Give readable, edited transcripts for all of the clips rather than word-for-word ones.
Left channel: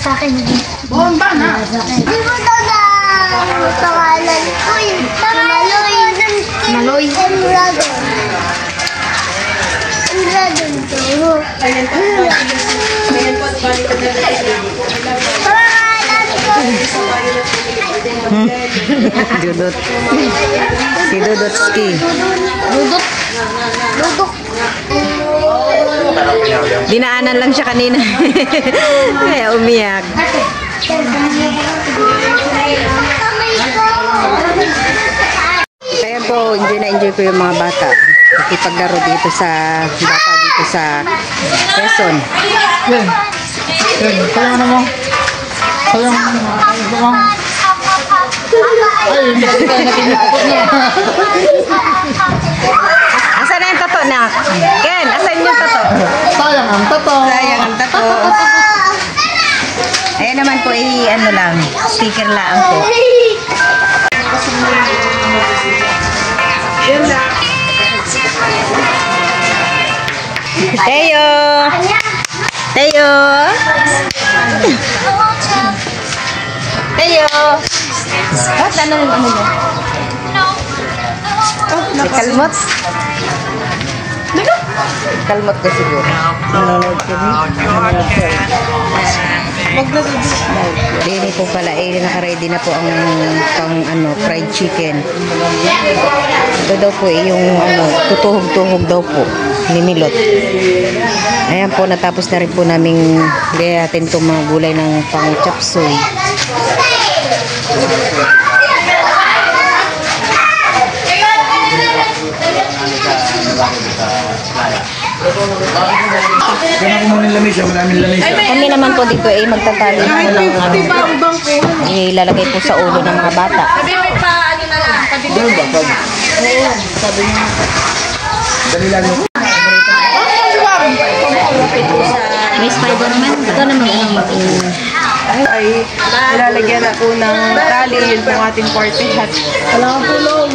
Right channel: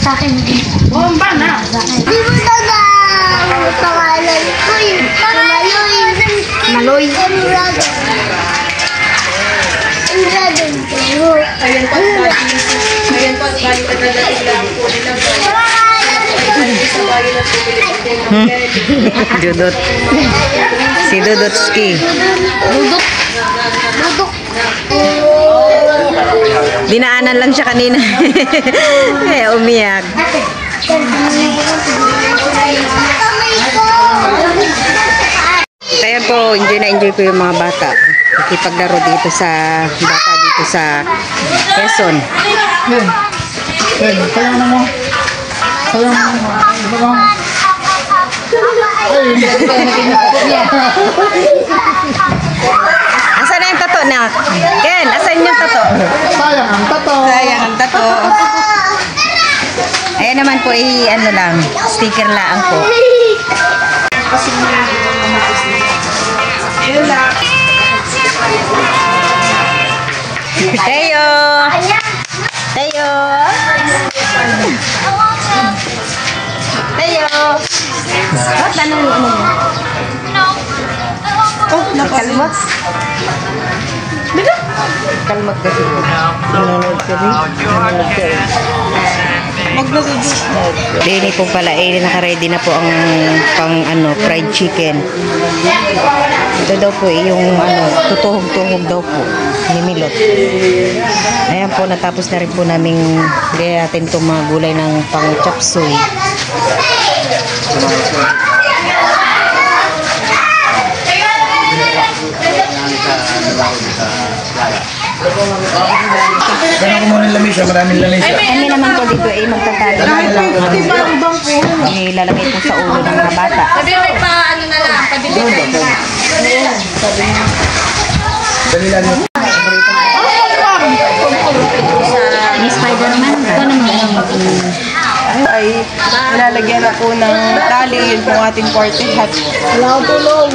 sa akin. Bomba na! Di mo taga pangalan ko yun. Maloy. Emrado. Ayan po, balik ka na Dudot. Si Dudotski. Dudok. Dinaanan lang siya kanina. Kaya umiyak. Kaya po, enjoy na enjoy ko yung mga bata. Nakipaglaro dito sa bata dito sa Quezon. Kailangan naman. Kailangan naman. Ay, hindi ko nakikinig niya. Asan na yung tato na? Ken, asan yung tato? Sayang ang tato. Sayang ang tato. Ayan naman po, ano lang, sticker lang po. Teo! Teo! Teo! Ba't anong ano mo? Oh, nakalmot? Dito? Kalmot kasi po. Nanonood kami. Nanonood kami. Dini po pala, naka-ready na po ang pang fried chicken. Ito daw po yung tutuhog-tuhog daw po. Nimilot. Ayan po, natapos na rin po namin gayatin itong mga gulay ng pang chop suey. Kami naman po dito magtatalo. Kahit 50 pa ang bangko. Ilalagay po sa ulo ng mga bata. Sabi may pa ano na lang, pabibigyan na. Sabi niya. Dali lang mo. May Spider-Man. Ito naman Ay, ilalagyan ako ng tali yung ating party hat. Wala akong tulong.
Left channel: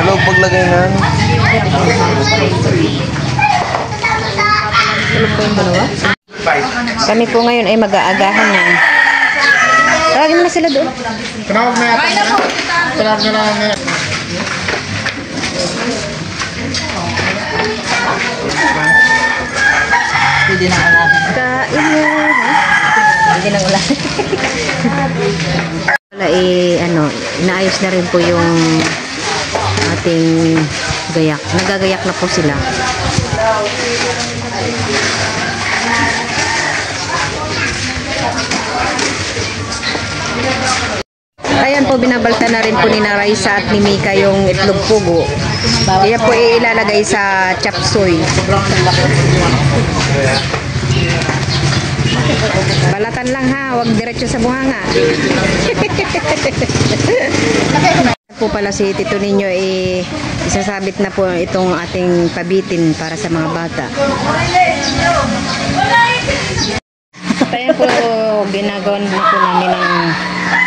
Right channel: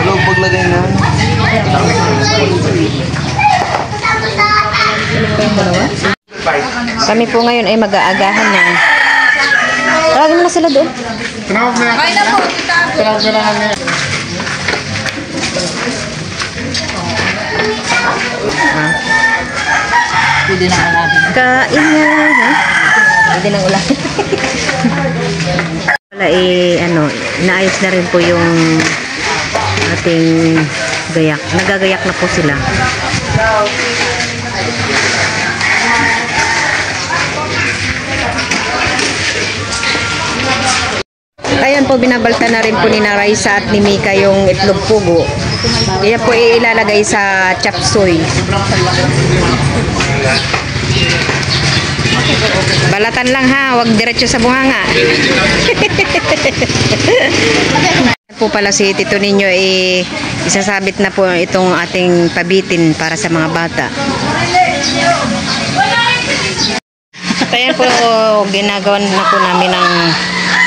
Ano paglagay nga? Kami po ngayon ay mag-aagahan na. Tawagin mo na sila doon. Tinawag na yata. Tinawag na lang. Pwede na ulan. Kain na. Pwede na ulan. Wala naayos na rin po yung ating gayak. Nagagayak na po sila. Ayan po, binabalta na rin po ni Raisa at ni Mika yung itlog pugo. Kaya po ilalagay sa chop suey. Balatan lang ha, wag diretso sa buhanga. Po pala si Tito Ninyo isasabit na po itong ating pabitin para sa mga bata. Ayan po, ginagawan na po namin ng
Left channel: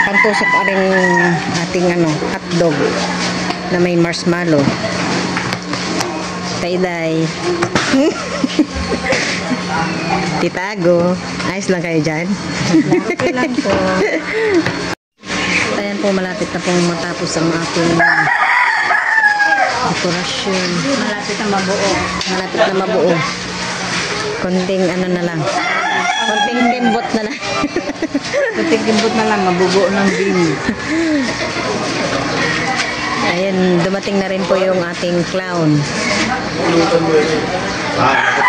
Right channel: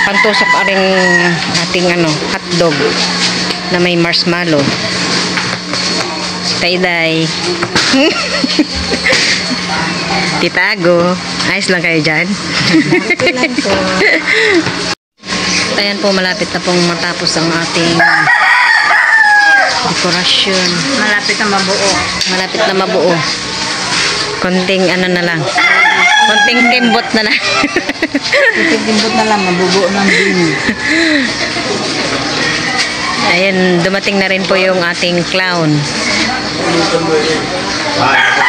pantusok aring ating hotdog na may marshmallow. Tay-day. Titago. Ayos lang kayo dyan. Ayan po, malapit na pong matapos ang ating dekorasyon. Malapit na mabuo. Malapit na mabuo. Konting na lang. Konting kimbot na lang. Konting kimbot na lang, mabubuo ng din. Ayan, dumating na rin po yung ating clown. At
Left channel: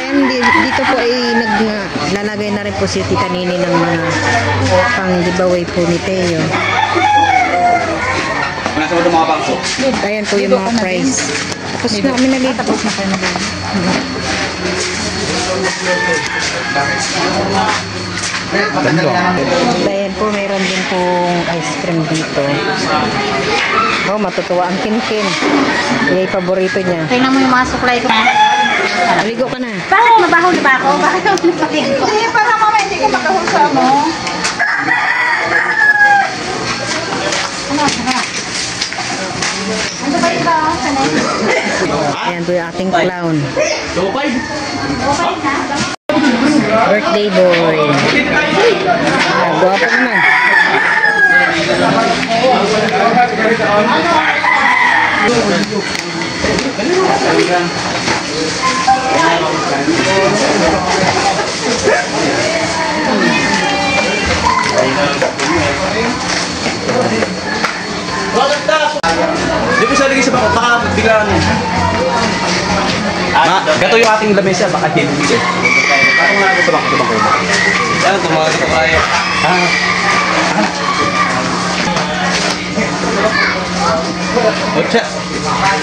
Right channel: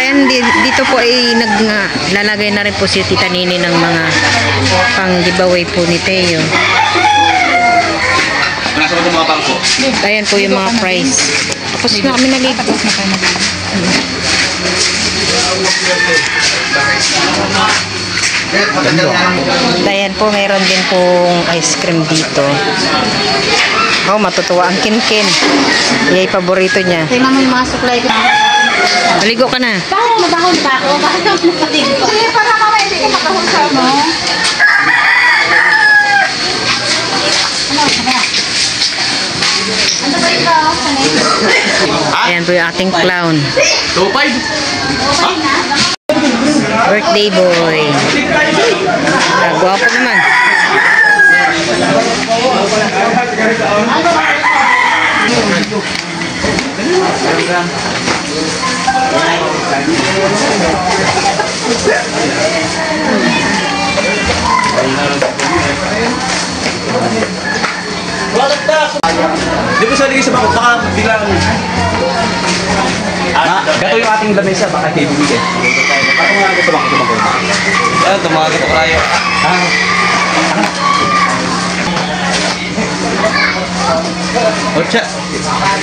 ayan, dito po ay naglalagay na rin po si Tita Nini ng mga pang giveaway po ni Teo. Ayan po yung mga prize. Tapos na kami naligo. Ayan po, mayroon din pong ice cream dito. Oh, matutuwa ang Kinkin. Iyay paborito niya. Tingnan mo yung mga supply ko. Maligo ka na. Bakit mabaho na ba ako? Bakit ako napaligo? Hindi, para mamaya hindi ka makahusa mo. Ano ba iba? Ayan po yung ating clown. Birthday boy. Gwapo naman. Di po sa lagi sa bako, baka biglang gato yung ating lamesa, baka kibigit. Parang nga gato bako. Yan, tumaga ito kayo. Ocha.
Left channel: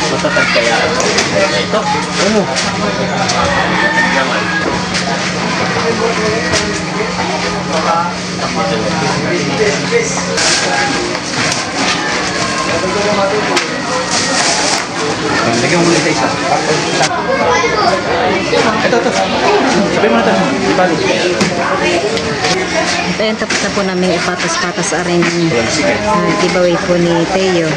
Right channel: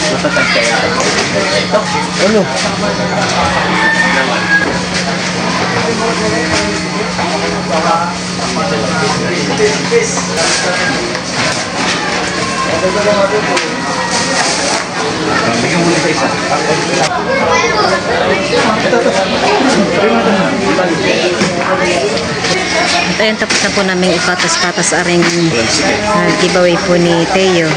Matatag kaya. Ito, ano? Bigyan mo isa-isa. Ito. Ayan, tapos na po namin ipatas-patas aring giveaway po ni Teo.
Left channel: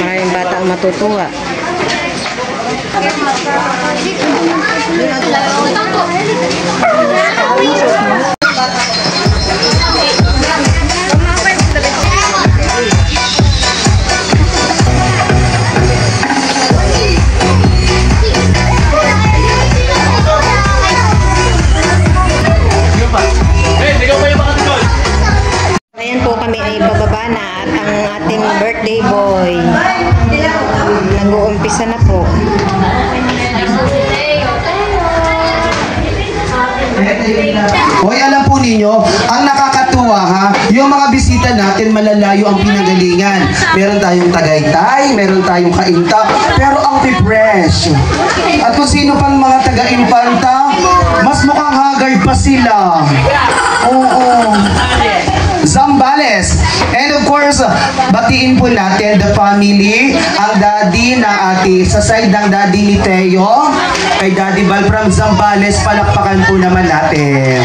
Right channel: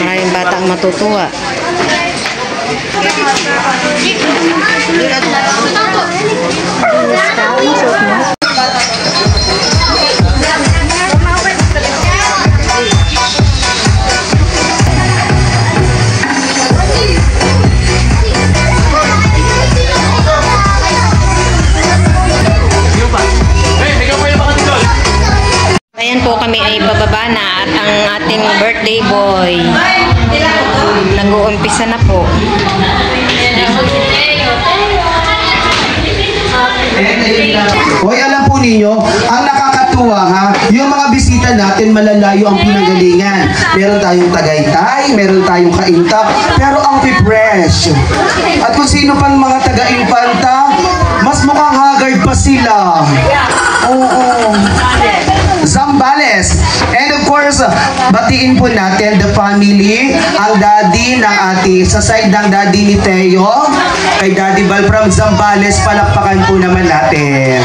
Maraming bata ang matutuwa. Ayan po, kami ay bababa na at ang ating birthday boy nag-uumpisa na po. Hoy, alam po ninyo, ang nakakatuwa ha, yung mga bisita natin malalayo ang pinanggalingan. Meron tayong Tagaytay, meron tayong Cainta, pero ang fresh. At kung sino pang mga taga-Infanta, mas mukhang haggard pa sila. Oo. Zambales. And of course, batiin po natin the family, ang daddy ng sa side ng daddy ni Teo, kay Daddy Val from Zambales, palakpakan po naman natin.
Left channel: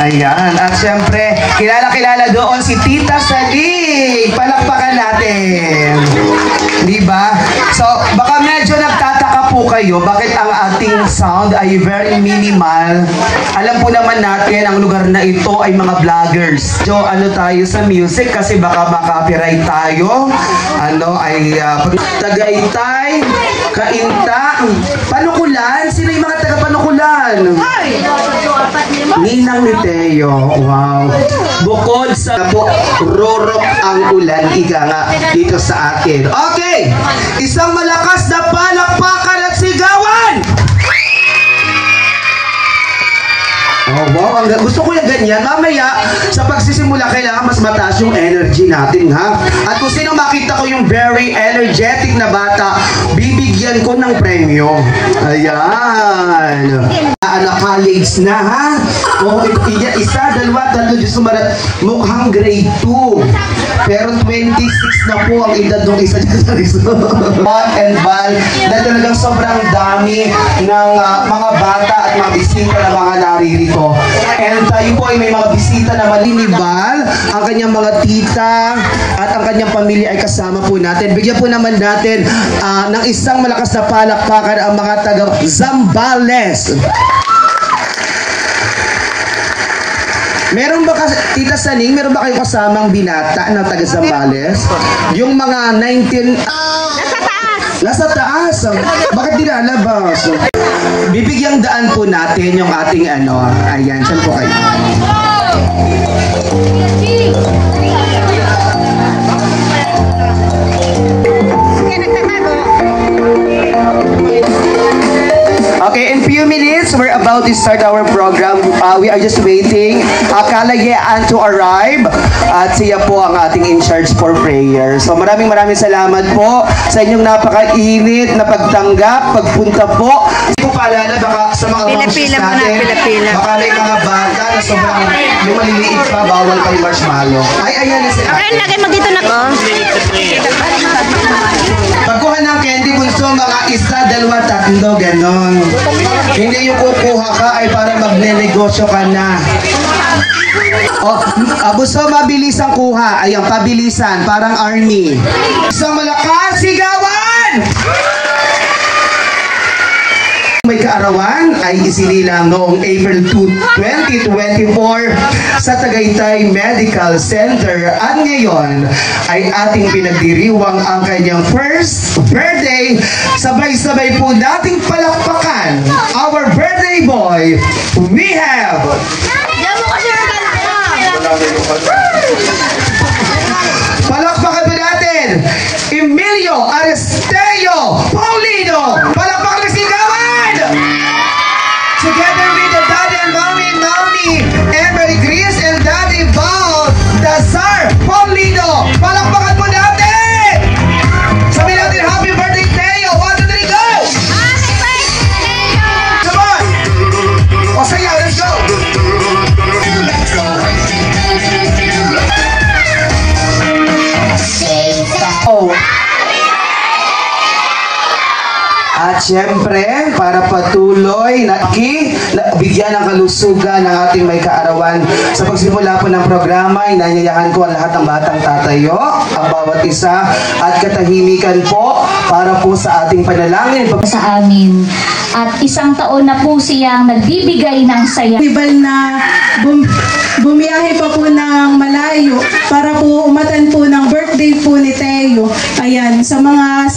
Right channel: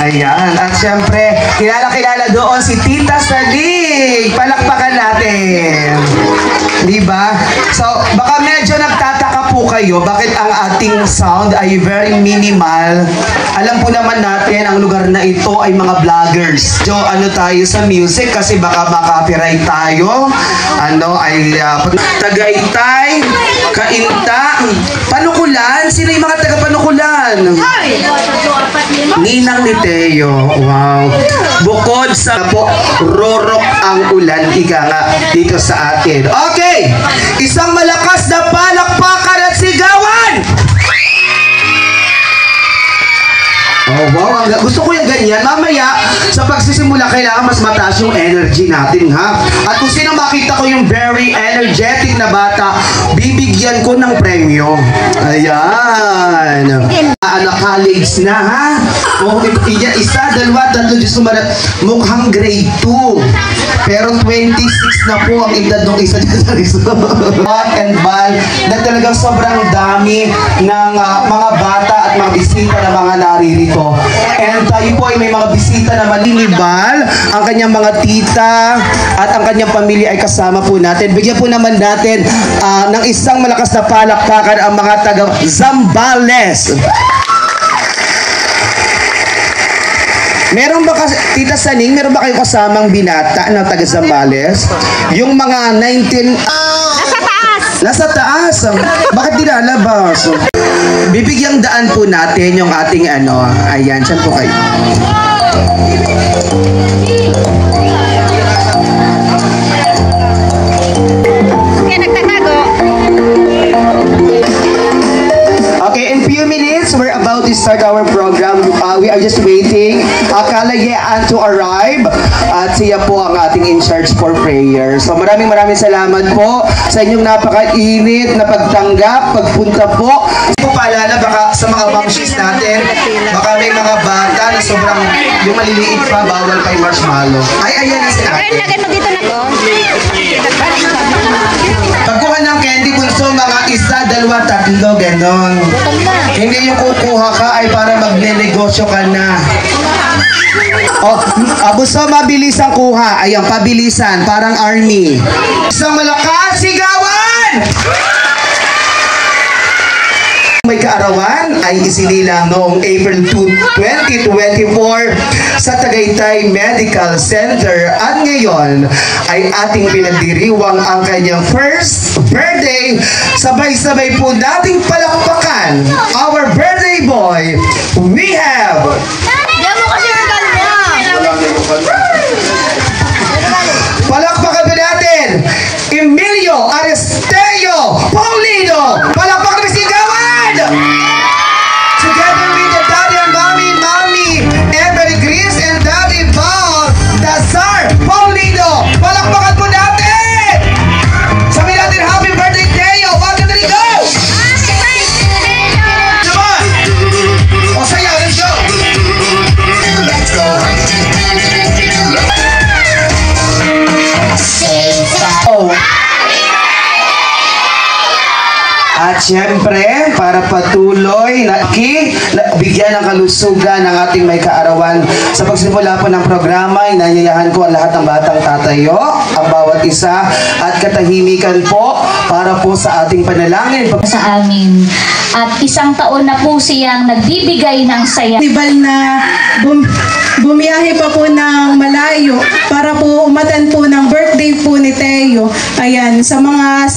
Ayan. At syempre, kilala doon si Tita Salig. Palakpakan natin. Diba? So, baka medyo nagtataka po kayo bakit ang ating sound ay very minimal. Alam po naman natin, ang lugar na ito ay mga vloggers. So, ano tayo sa music kasi baka makapiright tayo. Tagaytay, Cainta, Panukulan. Sino yung mga taga-Panukulan? Ninang ni Teo. Wow. Bukod sa po, rorok ang ulan, ika nga dito sa atin. Okay! Isang malakas na palakpakan at sigawan! Oh, wow. Gusto ko yung ganyan. Mamaya, sa pagsisimula, kailangan mas mataas yung energy natin, ha? At kung sino makita ko yung very energetic na bata, bibigyan ko ng premyo. Ayan. College na, ha? Oh, isa, dalawa, tatlo, Diyos sumarat. Mukhang grade 2. Pero 26 na po ang edad ng isa dyan sa Rizal. And Val, na talagang sobrang dami ng mga bata at mga bisita na mga naririto. And tayo po ay may mga bisita na malinibal, ang kanyang mga tita at ang kanyang pamilya ay kasama po natin. Bigyan po naman natin ng isang malakas na palakpakan ang mga taga Zambales. Meron ba Tita Saning, meron ba kayong kasamang binata na taga Zambales? Yung mga 19... Nasa taas. Bakit dinalabas? Bibigyang daan po natin yung ating ayan, saan po kayo? Okay, in few minutes, we're about to start our program. We are just waiting kalayaan to arrive at siya po ang ating in charge for prayer. So maraming salamat po sa inyong napakainit na pagtanggap, pagpunta po. Hindi ko paalala baka sa mga functions natin, baka may mga bata na sobrang yung maliliit pa, bawal pa yung marshmallow. Ay, ayan na sila. Okay, lagay mo dito na to. Pagkuha ng candy bunso, mga 1, 2, 3, ganon. Hindi yung kukuha ka ay para magne-negosyo ka na. Bunso, mabilis ang kuha. Ayan, pabilisan, parang army. Isang malakas, sigawan! May kaarawan ay isinilang noong April 2, 2024 sa Tagaytay Medical Center at ngayon ay ating pinagdiriwang ang kanyang first birthday. Sabay-sabay po nating palakpakan our birthday boy. We have palakpakan pa natin Emilio Aristeo Paulino. Palakpakan na sigawan! Together with the daddy and mommy Emery Gris and daddy Bob Dazar Paulino. Palakpakan po natin! Sabi natin happy birthday Teo. 1, 2, 3, go! Happy birthday, Leo! Come on! O sayaw, let's go! Let's go! At syempre, para patuloy na bigyan ng kalusugan ng ating may kaarawan. Sa pagsimula po ng programa, inayayahan ko ang lahat ng batang tatayo, ang bawat isa, at katahimikan po para po sa ating panalangin. Sa amin. At isang taon na po siyang nagbibigay ng saya. Tibal na bumiyahe pa po ng malayo para po umatan po ng birthday po ni Teo. Ayan, sa mga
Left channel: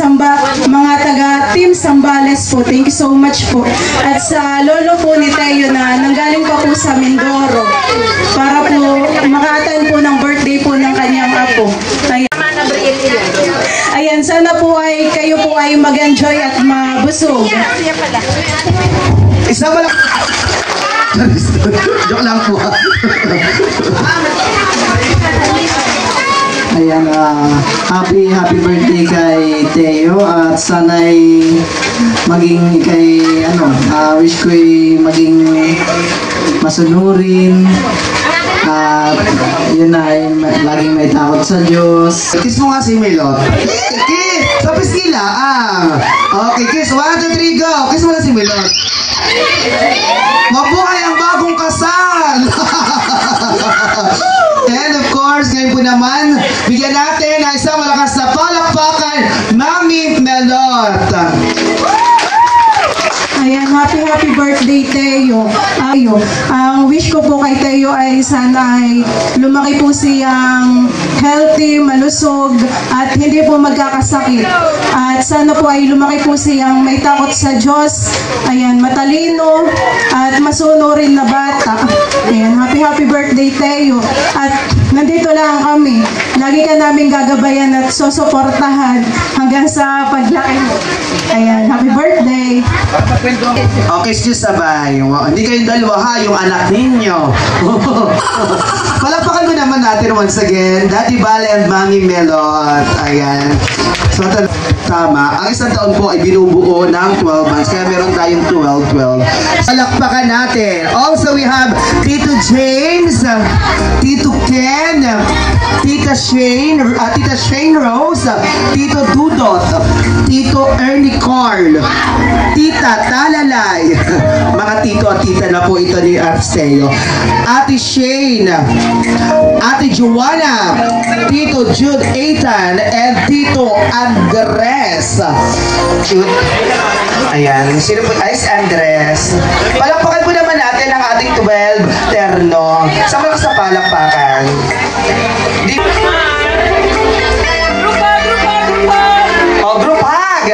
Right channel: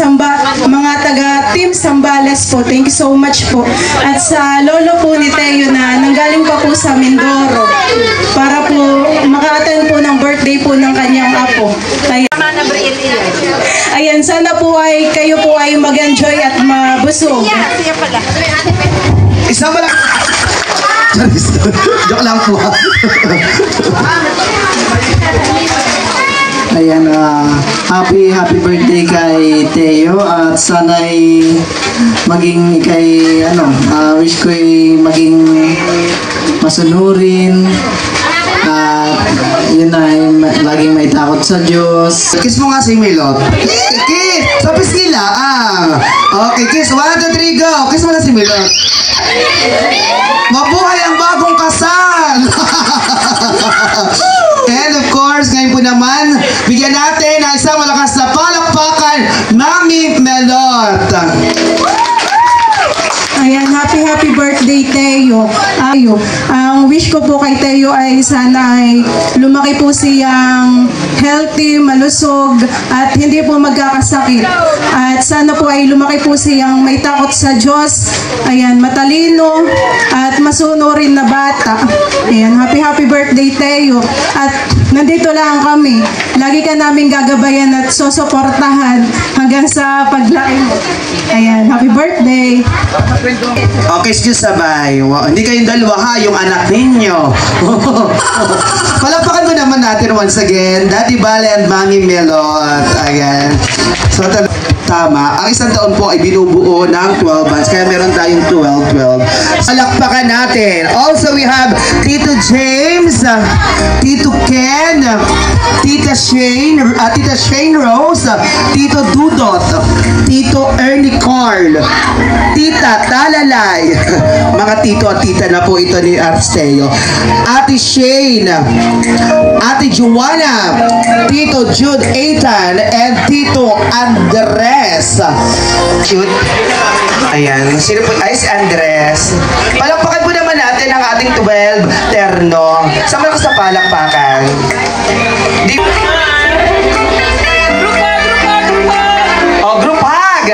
taga Team Sambales po, thank you so much po. At sa lolo po ni Teo na nanggaling pa po sa Mindoro para po makaatan po ng birthday po ng kanyang apo. Ayan, sana po ay kayo po ay mag-enjoy at mabusog. Isa ba lang? Joke lang po. Ayan, happy birthday kay Teo at sana'y maging wish ko ay maging masunurin at yun ay laging may takot sa Diyos. Kiss mo nga si Milot. Kiss! So, piskila. Okay, kiss. 1, 2, 3, go! Kiss mo na si Milot. Mabuhay ang bagong kasal! And of course, ngayon po naman, bigyan natin ng isang malakas na palakpakan, Mami Melot. Ayan, happy birthday Teo. Ang wish ko po kay Teo ay sana ay lumaki po siyang healthy, malusog, at hindi po magkakasakit. At sana po ay lumaki po siyang may takot sa Diyos. Ayan, matalino at masunurin na bata. Ayan, happy birthday Teo. At nandito lang kami. Lagi ka namin gagabayan at susuportahan hanggang sa paglaki mo. Ayan, happy birthday. Okay, excuse sabay. Hindi kayong dalawa ha, yung anak ninyo. Palapakan mo naman natin once again, Daddy Bale and Mami Melot. Ayan. So, tama. Ang isang taon po ay binubuo ng 12 months. Kaya meron tayong 12. Palakpakan natin. Also, we have Tito James, Tito Ken, Tita Shane Rose, Tito Dudot, Tito Ernie Carl, Tita Talalay, mga tito at tita na po ito ni Arsteo, Ate Shane, Ate Joanna, Tito Jude Ethan, and Tito Andres. Ayan, sino po? Ay, si Andres. Palakpakan po naman natin ang ating 12 terno. Sama ko sa palakpakan. Group hug!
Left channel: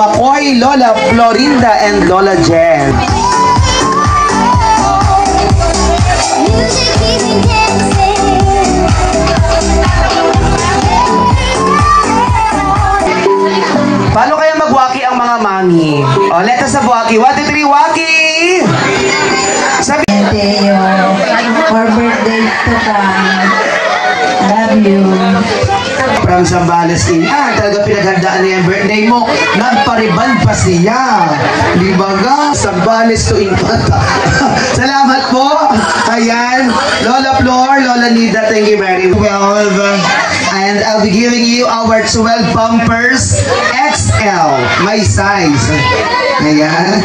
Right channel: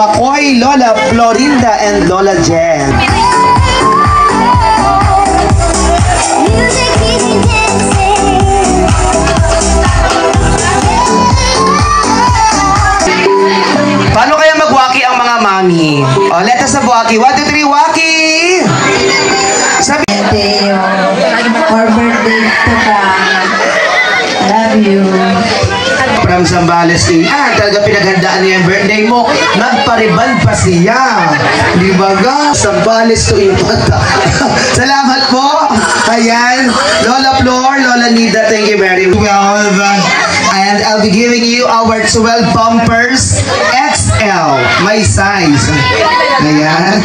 Makoy, Lola Florinda, and Lola Jen. mommy. Oh, let us have Waki. 1, 2, 3, Waki! Sabi... Teo, for birthday to come. Love you. From Zambales talaga pinaghandaan niya yung birthday mo. Nagpariban pa siya. Di ba ga? Zambales to Infanta. Salamat po. Ayan. Lola Flor, Lola Nida, thank you very much. And I'll be giving you our 12 bumpers XL. My size. Ayan.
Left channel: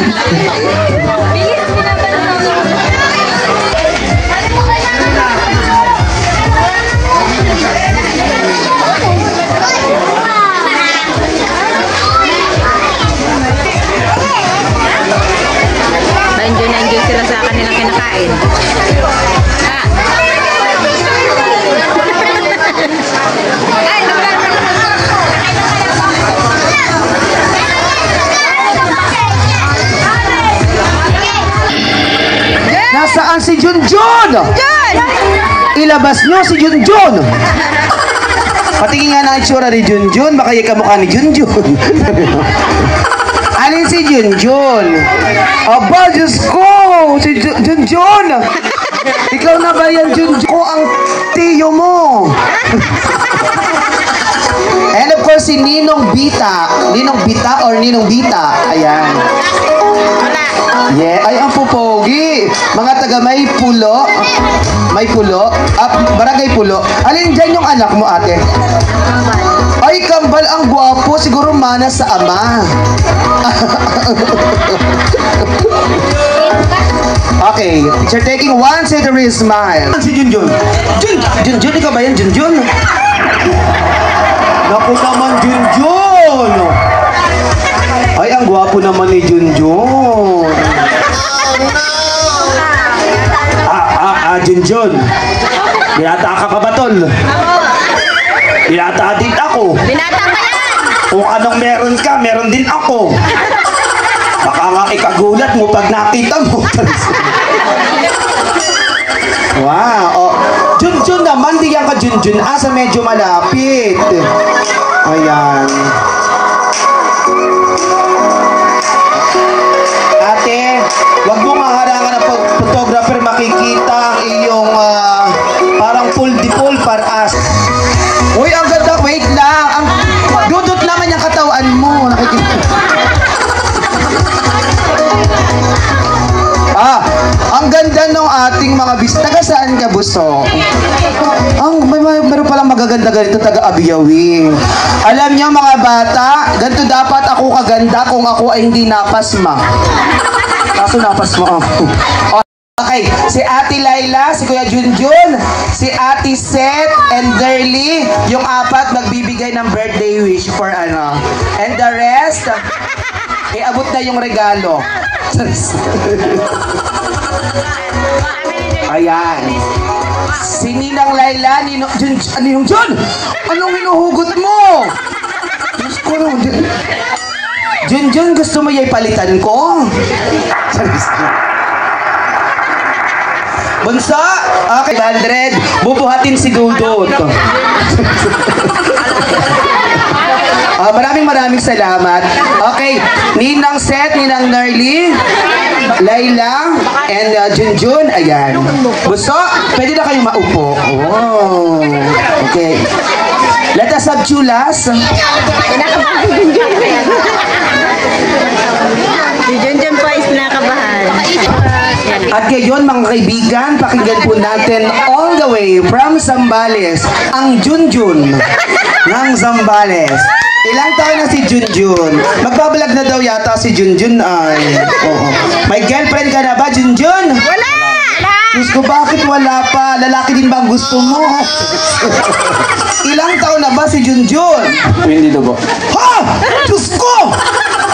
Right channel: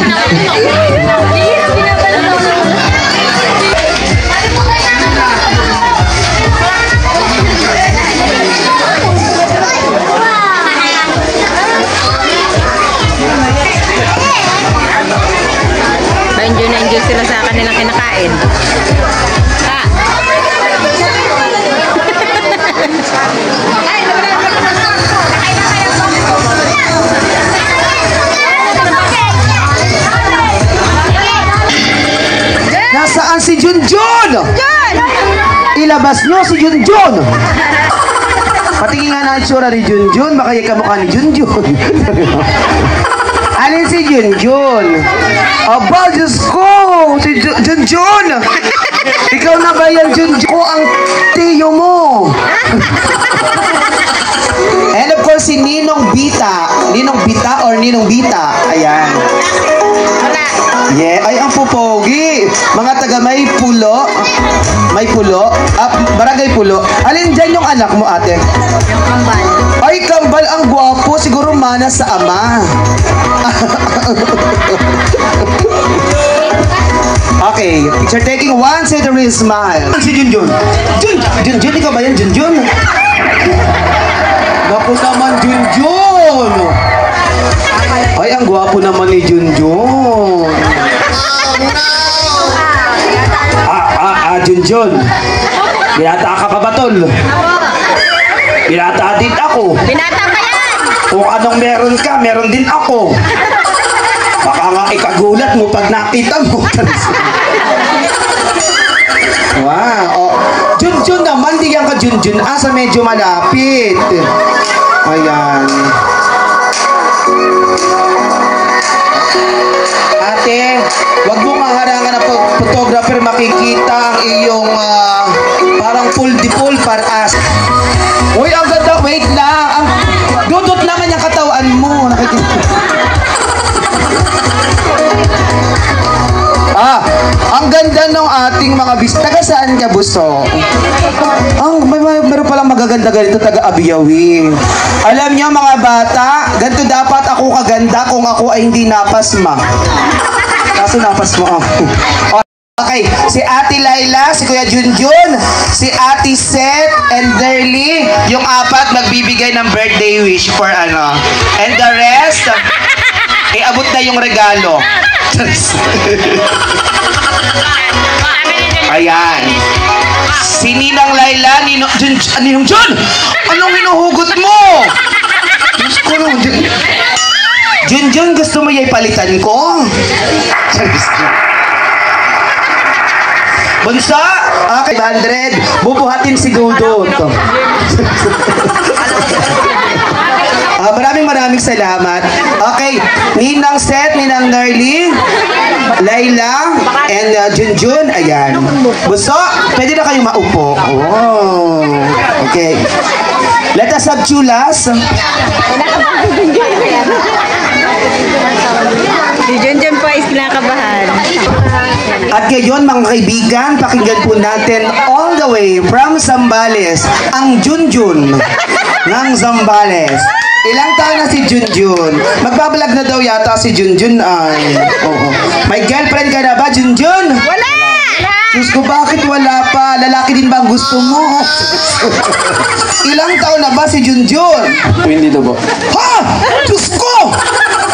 Enjoy na enjoy sila sa kanilang kinakain. Ha? Nasaan si Junjun? Ilabas nyo si Junjun. Patingin nga ng itsura ni Junjun. Baka yung kamukha ni Junjun. Alin si Junjun? Aba, Diyos ko! Si Junjun! Ikaw na ba yan, Junjun? Ako ang tiyo mo! And of course, si Ninong Bita. Ninong Bita or Ninong Bita. Ayan. Yeah, ay ang pupogi. Mga taga may pulo. May pulo. Barangay Pulo. Alin dyan yung anak mo, ate? Ay, kambal ang gwapo. Siguro mana sa ama. Okay, picture taking 1, say the real smile. Si Junjun. Junjun, ikaw ba yan, Junjun? Naku naman, Junjun. Ay, ang gwapo naman ni Junjun. Junjun. Binata ka pa ba, tol? Binata din ako. Binata pa yan! Kung anong meron ka, meron din ako. Baka nga ikagulat mo pag nakita mo. Wow. Oh. Junjun naman, di yan ka Junjun. Sa medyo malapit. Ayan. Ate, wag mo maharangan ng photographer, makikita ang iyong parang full paras. Uy, ang ganda. Wait lang. Ang dudot naman yung katawan mo. Ang ganda ng ating mga taga saan ka, Buso? Meron palang magaganda ganito, taga Abiyawi. Alam niyo mga bata, ganito dapat ako kaganda kung ako ay hindi napasma. Kaso napasma ako. Okay, si Ate Laila, si Kuya Junjun, si Ate Seth, and Derly, yung apat nagbibigay ng birthday wish for ano. And the rest, abot na yung regalo. Ayan. Si Ninang Laila, Ninong Jun! Anong hinuhugot mo? Diyos ko lang. Junjun, gusto mo yung palitan ko? Bunsa, okay, 500. Bubuhatin si Dudut. Maraming salamat. Okay, Ninang Seth, Ninang Nerly, Laila, and Junjun. Ayan. Buso, pwede na kayong maupo. Oh, okay. Let us have chulas. Si Junjun po is nakabahan. At ngayon mga kaibigan, pakinggan po natin all the way from Zambales, ang Junjun ng Zambales. Ilang taon na si Junjun? Magbabalag na daw yata si Junjun ay. Oo. May girlfriend ka na ba, Junjun? Wala! Diyos ko, bakit wala pa? Lalaki din ba ang gusto mo? Ilang taon na ba si Junjun? 22 po. Ha? Diyos ko!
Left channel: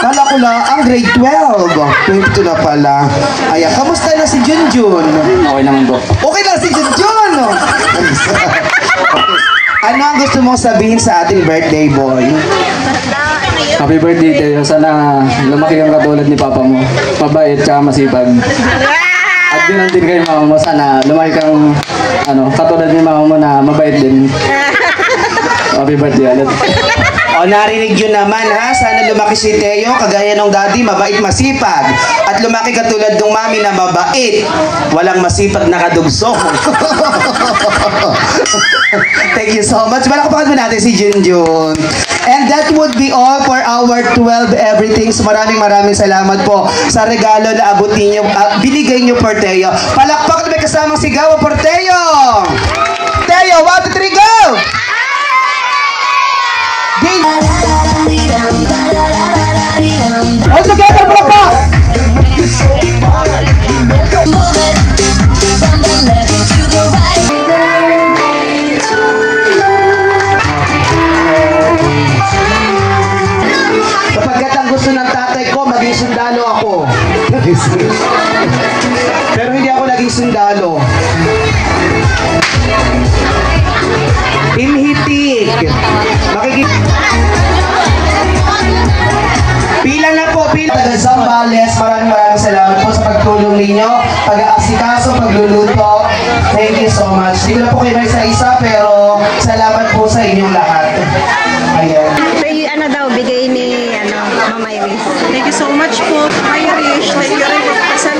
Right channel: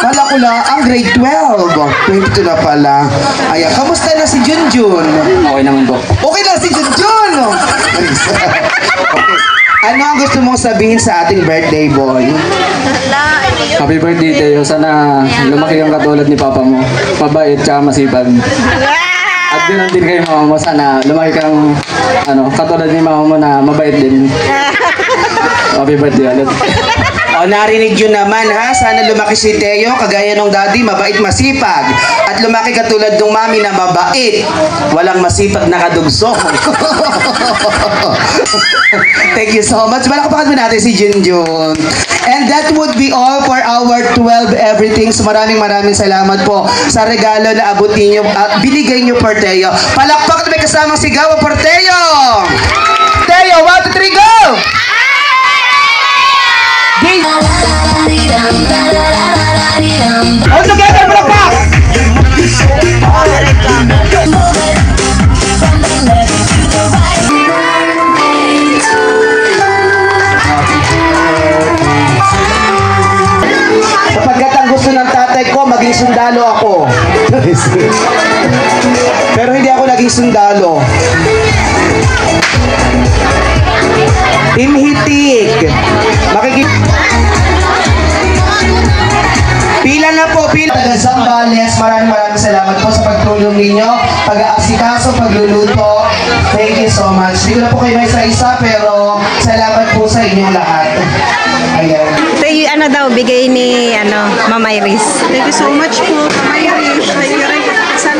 Kala ko lang, ang grade 12. 22 na pala. Ayan, kamusta na si Junjun? Okay naman po. Okay na si Junjun! Ano ang gusto mong sabihin sa ating birthday boy? Happy birthday Teo. Sana lumaki kang katulad ni Papa mo. Mabait tsaka masipag. At ganoon din kay Mama mo. Sana lumaki kang katulad ni Mama mo na mabait din. Happy birthday ulit. O, narinig yun naman ha. Sana lumaki si Teo, kagaya ng daddy, mabait, masipag. At lumaki katulad ng mami na mabait. Walang masipag na kadugso. Thank you so much. Palakpakan mo natin si Junjun. And that would be all for our 12 everything. So maraming salamat po sa regalo na abot ninyo at binigay nyo for Teo. Palakpakan may kasamang sigaw for Teo. Teo, 1, 2, 3, go! All together, palakpak! Sapagkat ang gusto ng tatay ko, maging sundalo ako. Pero hindi ako naging sundalo. Imhitik. Pila na po, pila. Taga Zambales, maraming salamat po sa pagtulong ninyo, pag-aasikaso, pagluluto. Thank you so much. Hindi ko na po kayo may isa-isa, pero salamat po sa inyong lahat. Ayan. Ito yung ano daw, bigay ni Mama Iris. Thank you so much po, Irish. Thank you rin po sa